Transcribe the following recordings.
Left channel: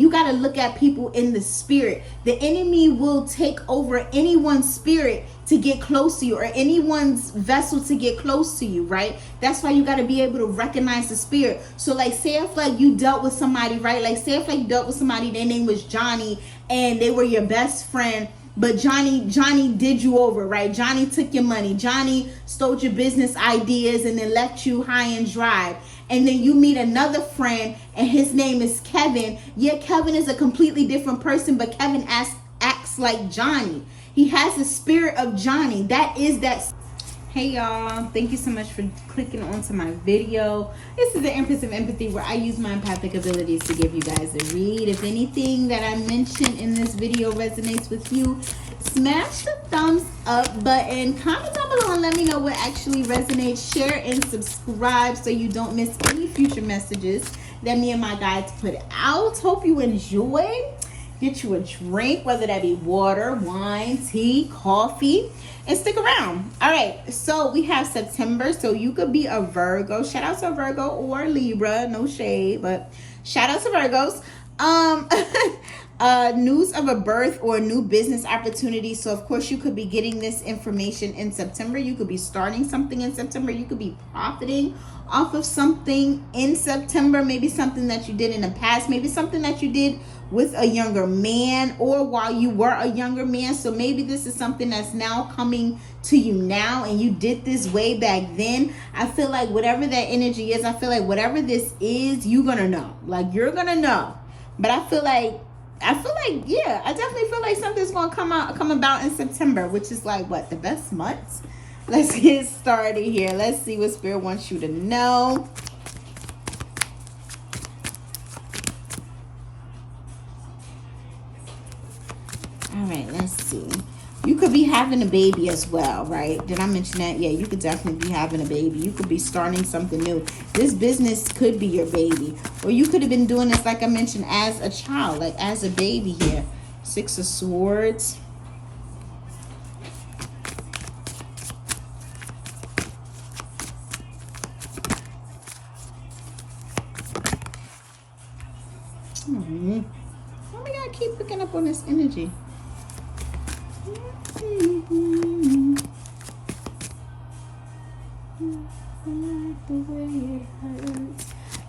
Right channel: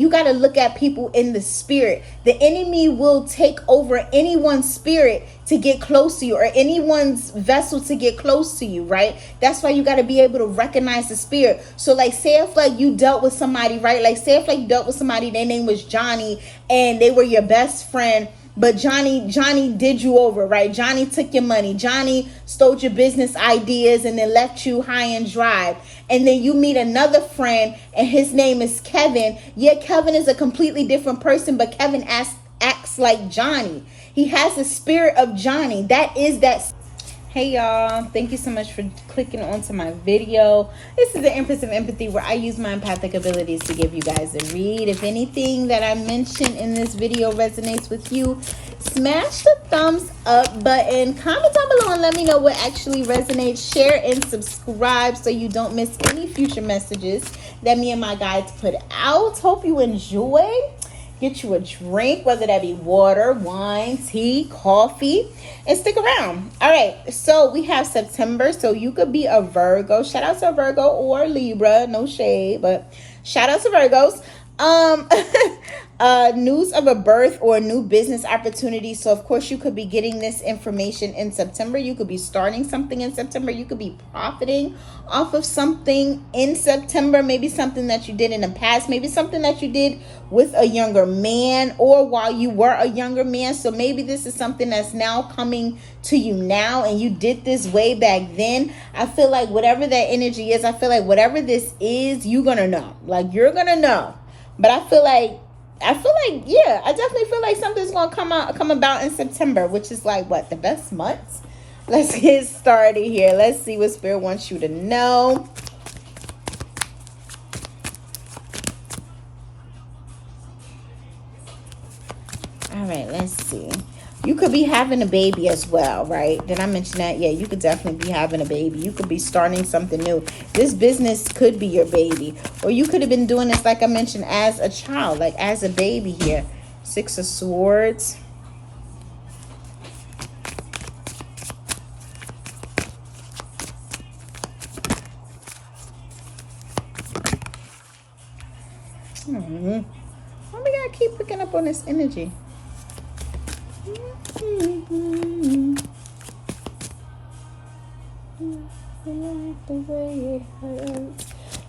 You got to look at people in the spirit. The enemy will take over anyone's spirit to get close to you, or anyone's vessel to get close to you, right? That's why you got to be able to recognize the spirit. So like, say if like you dealt with somebody, right? Like say if like you dealt with somebody, their name was Johnny, and they were your best friend, but Johnny did you over, right? Johnny took your money. Johnny stole your business ideas and then left you high and dry. And then you meet another friend and his name is Kevin. Yeah, Kevin is a completely different person, but Kevin acts like Johnny. He has the spirit of Johnny. That is that. Hey y'all, thank you so much for clicking onto my video. This is the Empress of Empathy, where I use my empathic abilities to give you guys a read. If anything that I mentioned in this video resonates with you, smash the thumbs up button, comment down below and let me know what actually resonates. Share and subscribe so you don't miss any future messages that me and my guides put out. Hope you enjoy. Get you a drink, whether that be water, wine, tea, coffee, and stick around. All right, so we have September, so you could be a Virgo. Shout out to Virgo or Libra, no shade, but shout out to Virgos. News of a birth or a new business opportunity. So of course you could be getting this information in September. You could be starting something in September. You could be profiting off of something in September. Maybe something that you did in the past. Maybe something that you did with a younger man or while you were a younger man. So maybe this is something that's now coming to you now and you did this way back then. I feel like whatever that energy is, I feel like whatever this is, you're gonna know. Like you're gonna know. But I feel like, yeah, I definitely feel like something's gonna come about in September, which is like what, the best months? Let's get started here. Let's see what Spirit wants you to know. All right, let's see. You could be having a baby as well, right? Did I mention that? Yeah, you could definitely be having a baby. You could be starting something new. This business could be your baby. Or you could have been doing this, like I mentioned, as a child, like as a baby here. Six of Swords. Why we gotta keep picking up on this energy?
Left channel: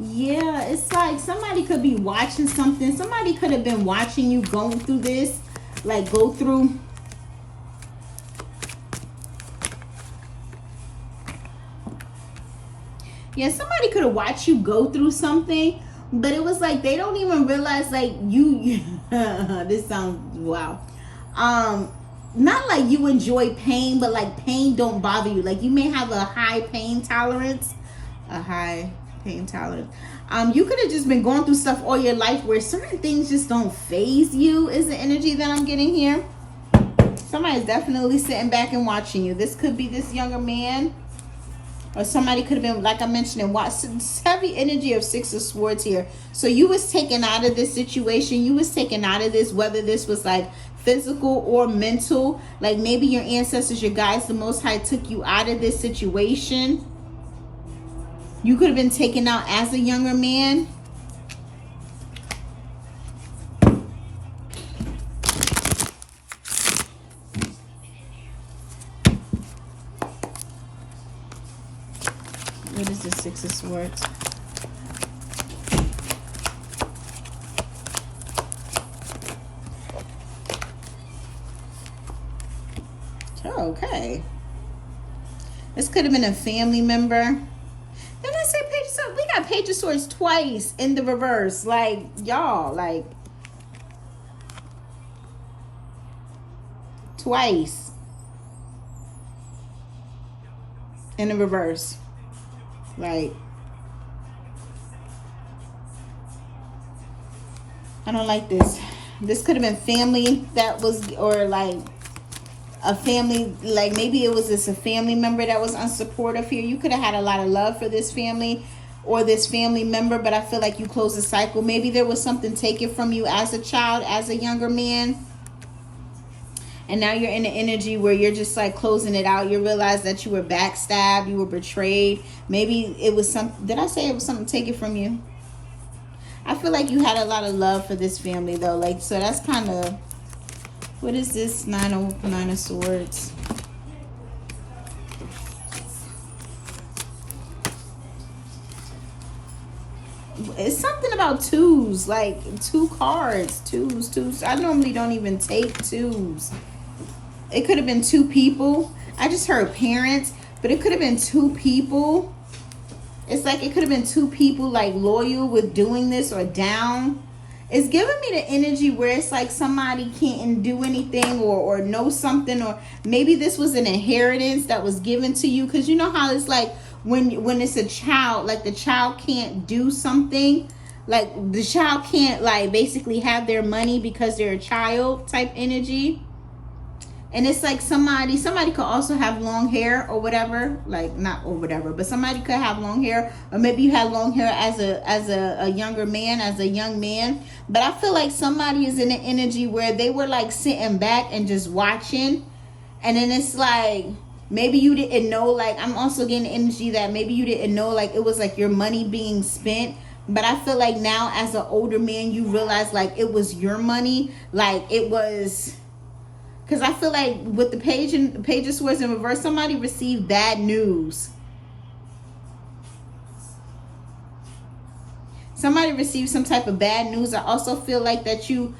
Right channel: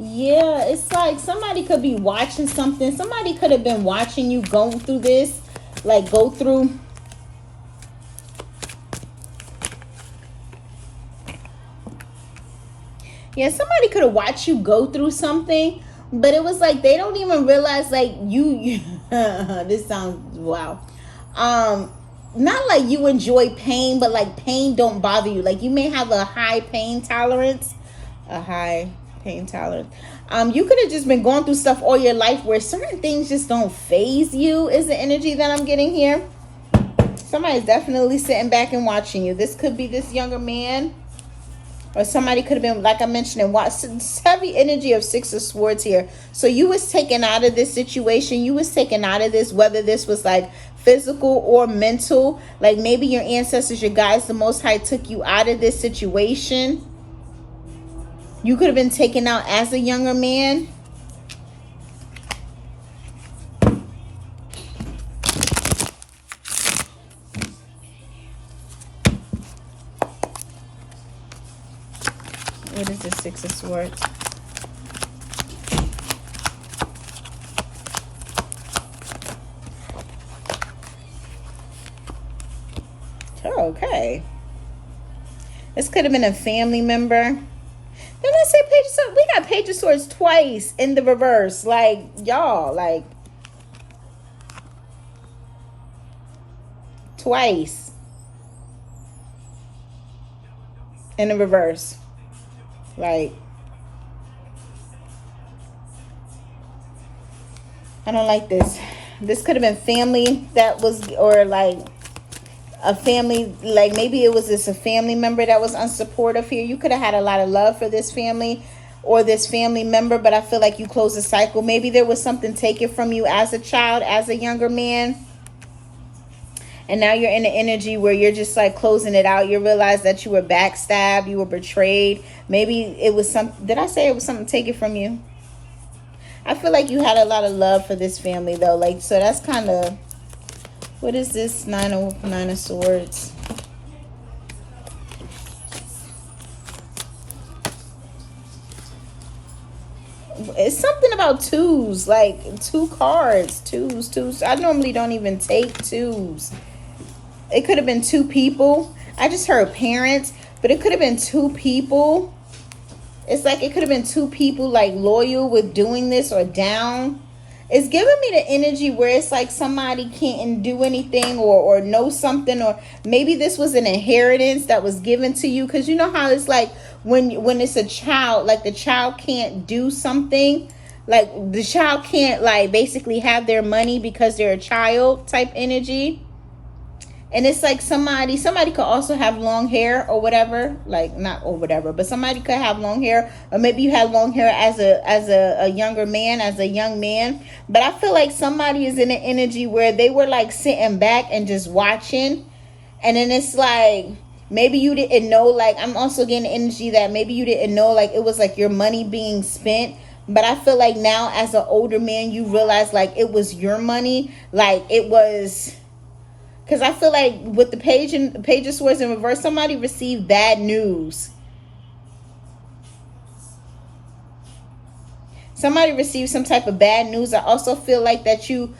Yeah, it's like somebody could be watching something. Somebody could have been watching you go through this, like go through. Yeah, somebody could have watched you go through something, but it was like they don't even realize like you this sounds wow. Not like you enjoy pain, but like pain don't bother you. Like you may have a high pain tolerance. You could have just been going through stuff all your life where certain things just don't faze you, is the energy that I'm getting here. Somebody's definitely sitting back and watching you. This could be this younger man. Or somebody could have been, like I mentioned, and watched this heavy energy of Six of Swords here. So you was taken out of this situation. You was taken out of this, whether this was like physical or mental. Like maybe your ancestors, your guides, the Most High took you out of this situation. You could have been taken out as a younger man. What is the Six of Swords? Okay. This could have been a family member. Then let's say Page of Swords. We got Page of Swords twice in the reverse. Like, y'all, like, twice in the reverse. Like, I don't like this. This could have been family that was, or like a family, like maybe it was just a family member that was unsupportive here. You could have had a lot of love for this family or this family member, but I feel like you closed the cycle. Maybe there was something taken from you as a child, as a younger man. And now you're in an energy where you're just like closing it out. You realize that you were backstabbed, you were betrayed. Maybe it was some, did I say it was something taken from you? I feel like you had a lot of love for this family though. Like, so that's kind of, what is this? Nine of Swords. It's something about twos, like 2 cards, twos. I normally don't even take twos. It could have been 2 people. I just heard parents, but it could have been 2 people. It's like it could have been 2 people like loyal with doing this or down. It's giving me the energy where it's like somebody can't do anything or know something, or maybe this was an inheritance that was given to you. Because you know how it's like when it's a child, like the child can't do something, like the child can't like basically have their money because they're a child type energy. And it's like somebody could also have long hair or whatever, like not or whatever, but somebody could have long hair, or maybe you had long hair as a younger man, as a young man. But I feel like somebody is in an energy where they were like sitting back and just watching, and then it's like maybe you didn't know. Like I'm also getting the energy that maybe you didn't know, like it was like your money being spent. But I feel like now as an older man, you realize like it was your money, like it was. Because I feel like with the Page of Swords in reverse, somebody received bad news. Somebody received some type of bad news. I also feel like that you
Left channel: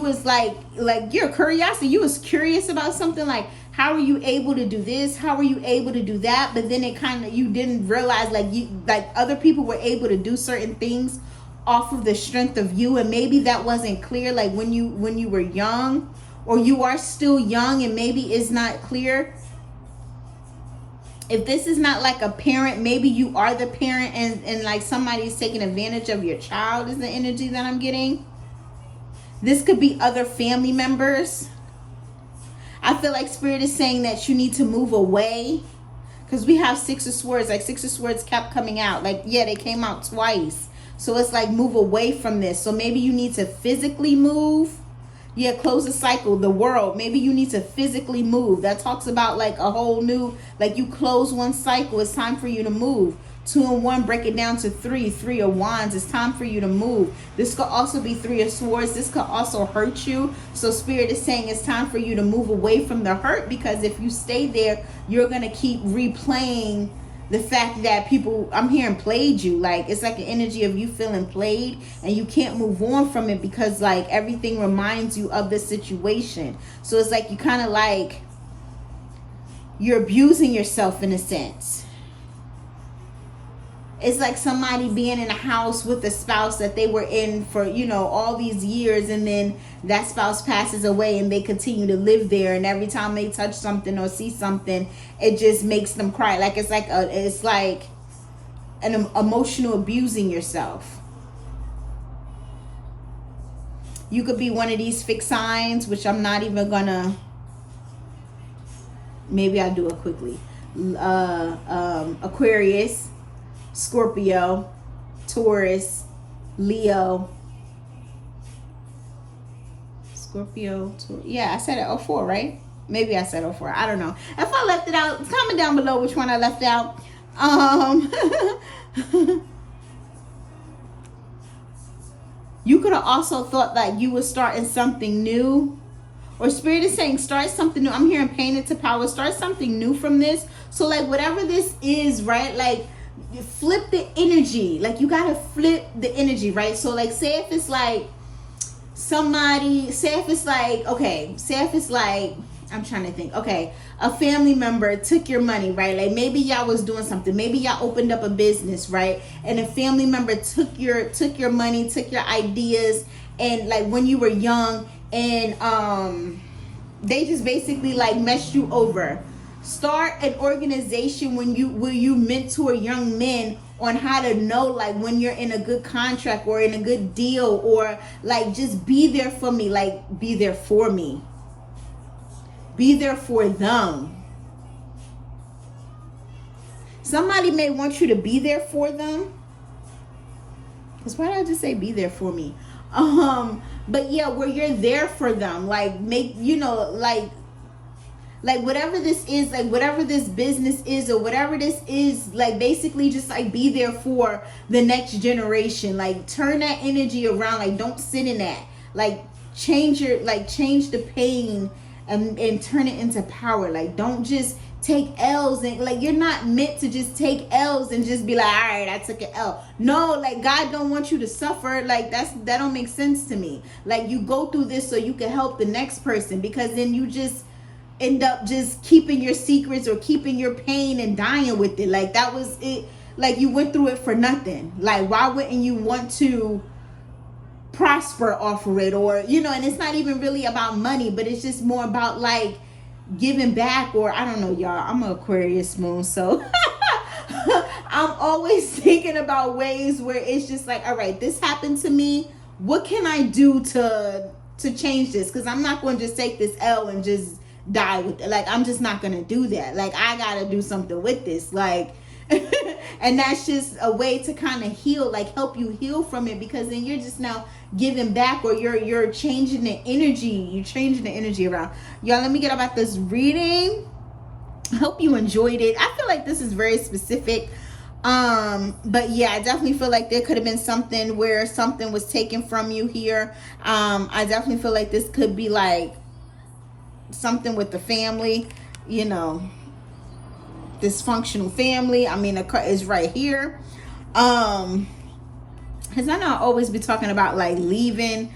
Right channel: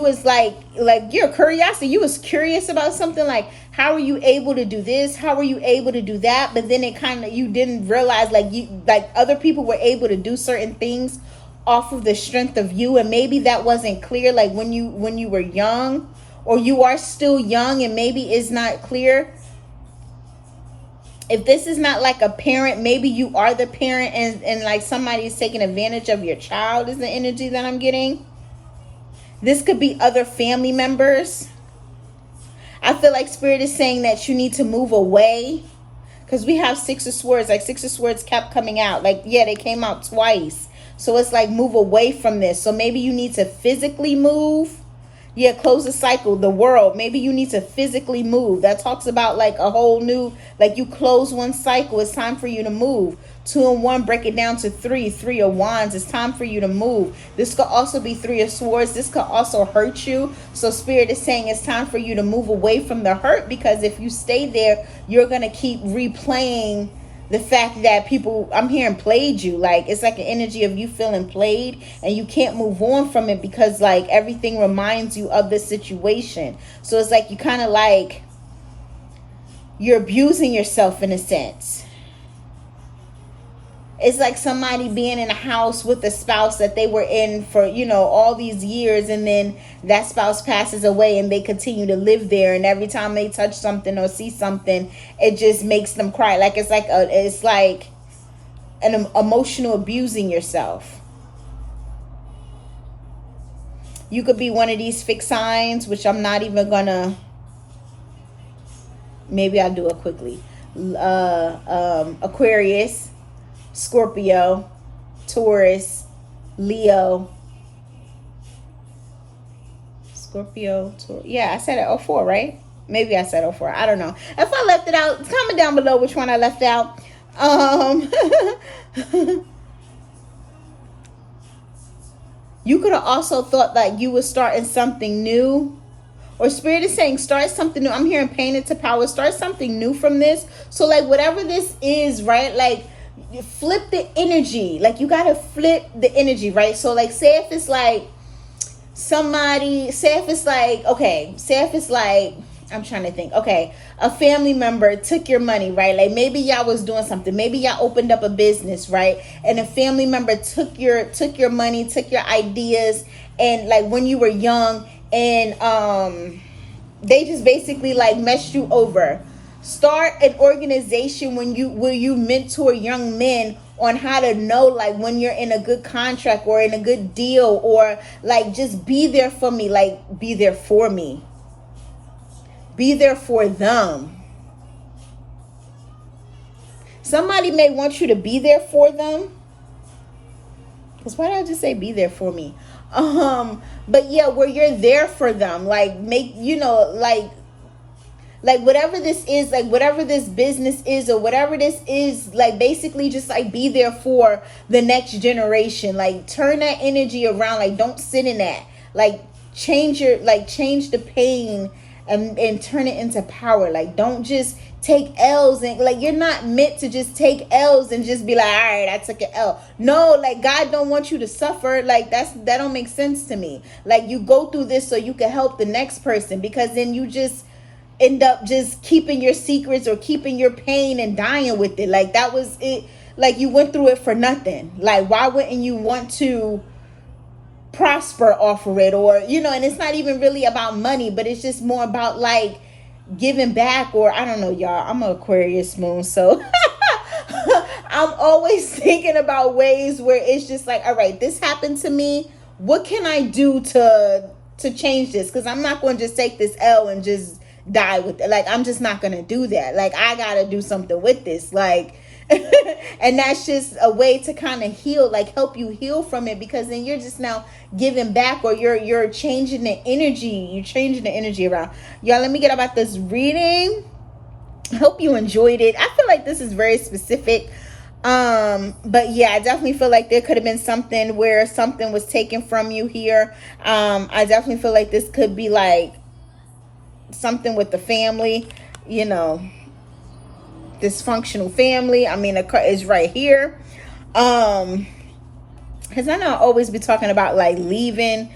was like your curiosity. You was curious about something, like how are you able to do this? How are you able to do that? But then it kind of, you didn't realize like other people were able to do certain things off of the strength of you, and maybe that wasn't clear like when you were young. Or you are still young and maybe it's not clear. If this is not like a parent, maybe you are the parent and like somebody's taking advantage of your child is the energy that I'm getting. This could be other family members. I feel like Spirit is saying that you need to move away. Because we have 6 of Swords. Like 6 of Swords kept coming out. Like, yeah, they came out twice. So it's like move away from this. So maybe you need to physically move. Yeah, close the cycle, the world. Maybe you need to physically move. That talks about like a whole new, like you close one cycle, it's time for you to move. 2 and 1, break it down to 3. 3 of Wands, it's time for you to move. This could also be 3 of Swords. This could also hurt you. So Spirit is saying it's time for you to move away from the hurt, because if you stay there, you're going to keep replaying the fact that people, I'm hearing, played you. Like it's like an energy of you feeling played and you can't move on from it because like everything reminds you of the situation. So it's like you kind of like you're abusing yourself in a sense. It's like somebody being in a house with a spouse that they were in for, you know, all these years, and then that spouse passes away and they continue to live there, and every time they touch something or see something, it just makes them cry. Like it's like an emotional abusing yourself. You could be one of these fixed signs, which I'm not even gonna, maybe I'll do it quickly. Aquarius, Scorpio, Taurus, Leo, Scorpio, Taurus. Yeah, I said it 04, right? Maybe I said 04. I don't know. If I left it out, comment down below which one I left out. You could have also thought that you were starting something new. Or Spirit is saying start something new. I'm hearing Painted to Power. Start something new from this. So like whatever this is, right? Like flip the energy. Like you gotta flip the energy, right? So like say if it's like somebody, say if it's like, okay, say if it's like, I'm trying to think, okay, a family member took your money, right? Like maybe y'all was doing something, maybe y'all opened up a business, right? And a family member took your money, took your ideas, and like when you were young, and they just basically like messed you over. Start an organization where you mentor young men on how to know like when you're in a good contract or in a good deal, or like just be there for me, like be there for me. Be there for them. Somebody may want you to be there for them. Because why did I just say be there for me? But yeah, where you're there for them, like make, you know, like Like whatever this is, like whatever this business is or whatever this is, like basically just like be there for the next generation. Like turn that energy around. Like don't sit in that. Like change the pain and turn it into power. Like don't just take L's, and like you're not meant to just take L's and just be like, all right, I took an L. No, like God don't want you to suffer. Like that don't make sense to me. Like you go through this so you can help the next person, because then you just end up just keeping your secrets or keeping your pain and dying with it. Like that was it. Like you went through it for nothing. Like why wouldn't you want to prosper off of it? Or and it's not even really about money, but it's just more about like giving back. Or I don't know, y'all, I'm an Aquarius moon, so I'm always thinking about ways where it's just like, all right, this happened to me, what can I do to change this? Because I'm not going to just take this L and just die with it. Like I'm just not going to do that. Like I gotta do something with this. Like and that's just a way to kind of heal, like help you heal from it, because then you're just now giving back, or you're changing the energy. You're changing the energy around. Y'all, let me get about this reading. I hope you enjoyed it. I feel like this is very specific. But yeah, I definitely feel like there could have been something where something was taken from you here. I definitely feel like this could be like something with the family, dysfunctional family. I mean, is right here. Because I know I always be talking about like leaving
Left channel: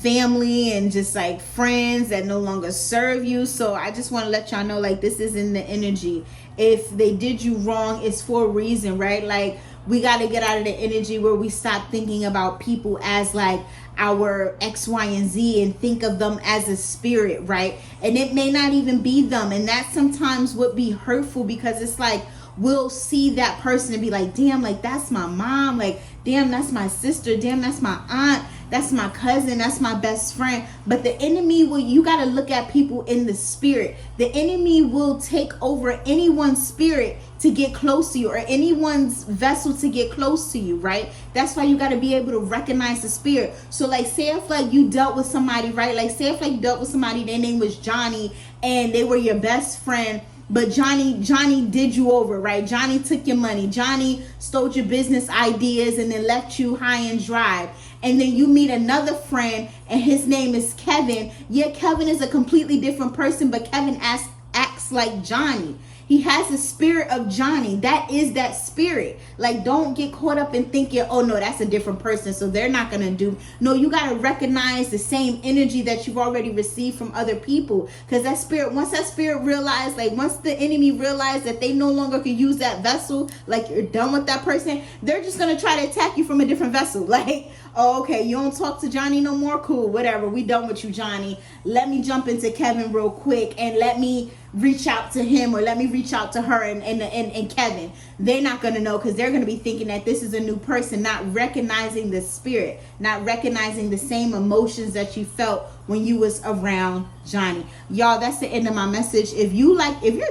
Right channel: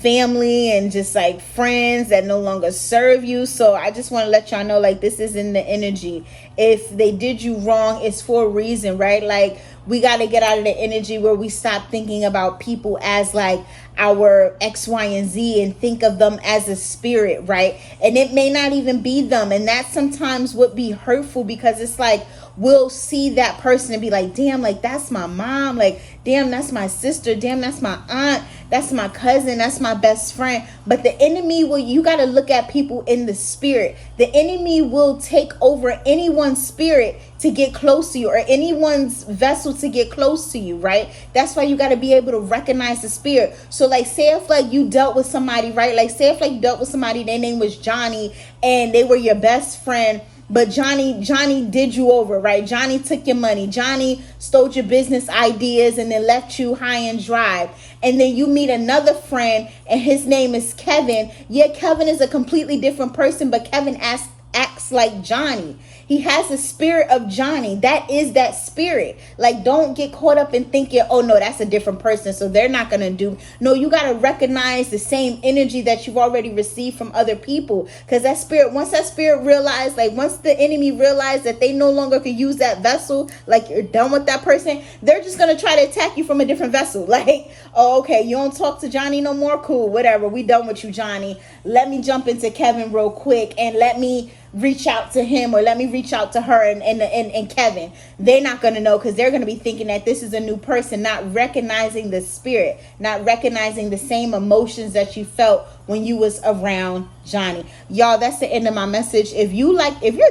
family and just like friends that no longer serve you. So I just want to let y'all know, like, this is in the energy. If they did you wrong, it's for a reason, right? Like we got to get out of the energy where we stop thinking about people as like our X, Y, and Z and think of them as a spirit, right? And it may not even be them. And that sometimes would be hurtful, because it's like we'll see that person and be like, damn, like that's my mom, like damn, that's my sister, damn, that's my aunt, that's my cousin, that's my best friend. But the enemy you got to look at people in the spirit. The enemy will take over anyone's spirit to get close to you, or anyone's vessel to get close to you, right? That's why you got to be able to recognize the spirit. So like, say if like you dealt with somebody, right? Like say if like you dealt with somebody, their name was Johnny, and they were your best friend, but Johnny did you over, right? Johnny took your money. Johnny stole your business ideas and then left you high and dry. And then you meet another friend and his name is Kevin. Yeah, Kevin is a completely different person, but Kevin acts like Johnny. He has the spirit of Johnny. That is that spirit. Like, don't get caught up in thinking, oh no, that's a different person, so they're not going to do. No, you got to recognize the same energy that you've already received from other people. Because that spirit, once that spirit realized, like once the enemy realized that they no longer could use that vessel, like you're done with that person, they're just going to try to attack you from a different vessel. Like, oh, okay, you don't talk to Johnny no more? Cool, whatever. We done with you, Johnny. Let me jump into Kevin real quick and let me reach out to him, or let me reach out to her and Kevin. They're not going to know, because they're going to be thinking that this is a new person, not recognizing the spirit, not recognizing the same emotions that you felt when you was around Johnny. Y'all, that's the end of my message. If you're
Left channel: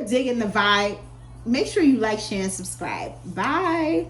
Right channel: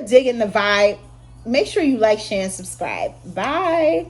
digging the vibe, make sure you like, share, and subscribe. Bye.